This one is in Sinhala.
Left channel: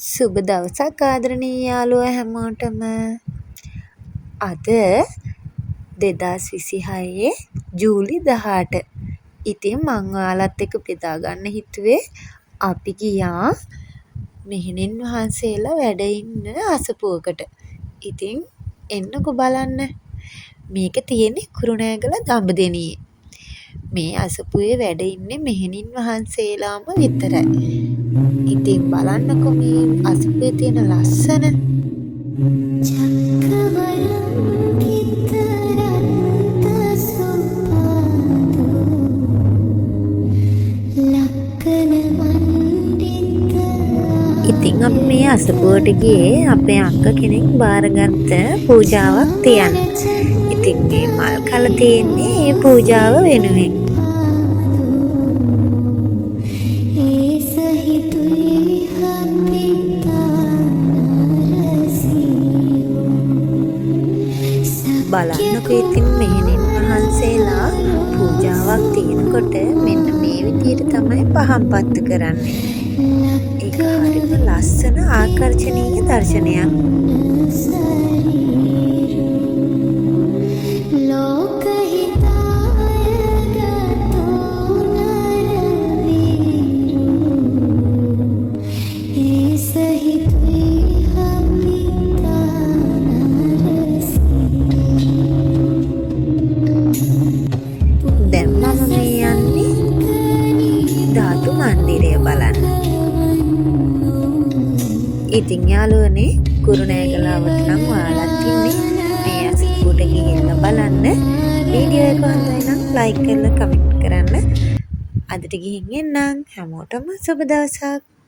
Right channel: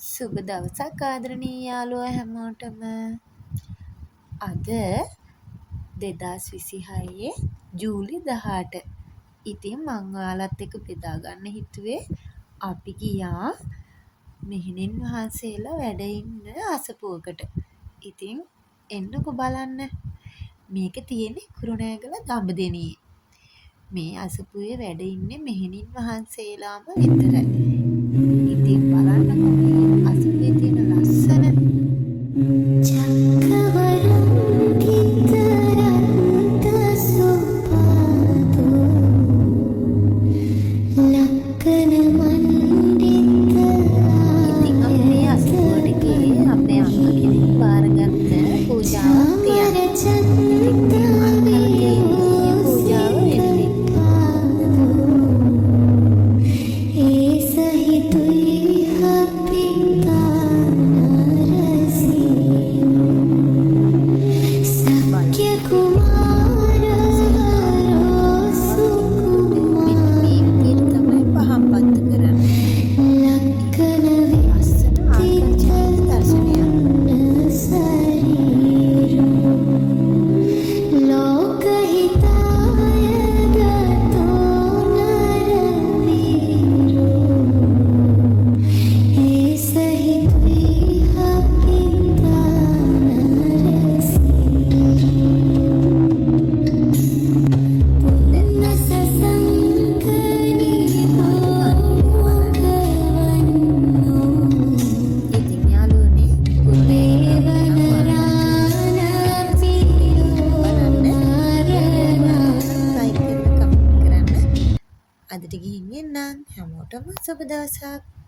සුබ දවසක් ආදරණීය යාළුවෝ හැමෝටම. අද 2026 ජූලි 18. ඉතින් මං ඔයාලත් එක්ක බෙදා ගන්න හිතුවේ අපි ගියා මෙහෙණින් වහන්සේලා වැඩ ඉන්න අසපුවකට. ඉතින් එන්නකෝ බලන්න. මේක තියෙන්නේ කුරුණෑගල දඹදෙණියේ. මේ අසපුවේ වැඩ ඉන්නේ මෙහෙණින් වහන්සේලාම විතරයි. ඉතින් බලන්නකෝ මේ අසපුවේ තියෙන ලස්සන ඉතින් අපි මේ අසපුවට ගියේ අපේ අක්කා කෙනෙක් බාරගත්ත පූජාවක් තියන්න. ඉතින් මේ මල් කල තියෙන්නේ මේ පූජාව වෙනුවෙන්. බලන්නකෝ ඉතින් මෙහෙණින් වහන්සේලා පූජාවක් තියෙනකොට මෙන්න මේ විදිහට තමයි පහන් පත්තු කරන්නේ. ඒක හරිම ලස්සන ආකර්ෂණීය දර්ශනයක්. ඉතින් යාළුවනේ කුරුණෑගල නම් ඔයාලත් ඉන්නේ මේ අසපුවට ගිහිල්ලා බලන්න. වීඩියෝ එක හරිනම් ලයික් කරලා කමෙන්ට් කරන්න. අදට ගිහින් එන්නම්. හැමෝටම සුබ දවසක්.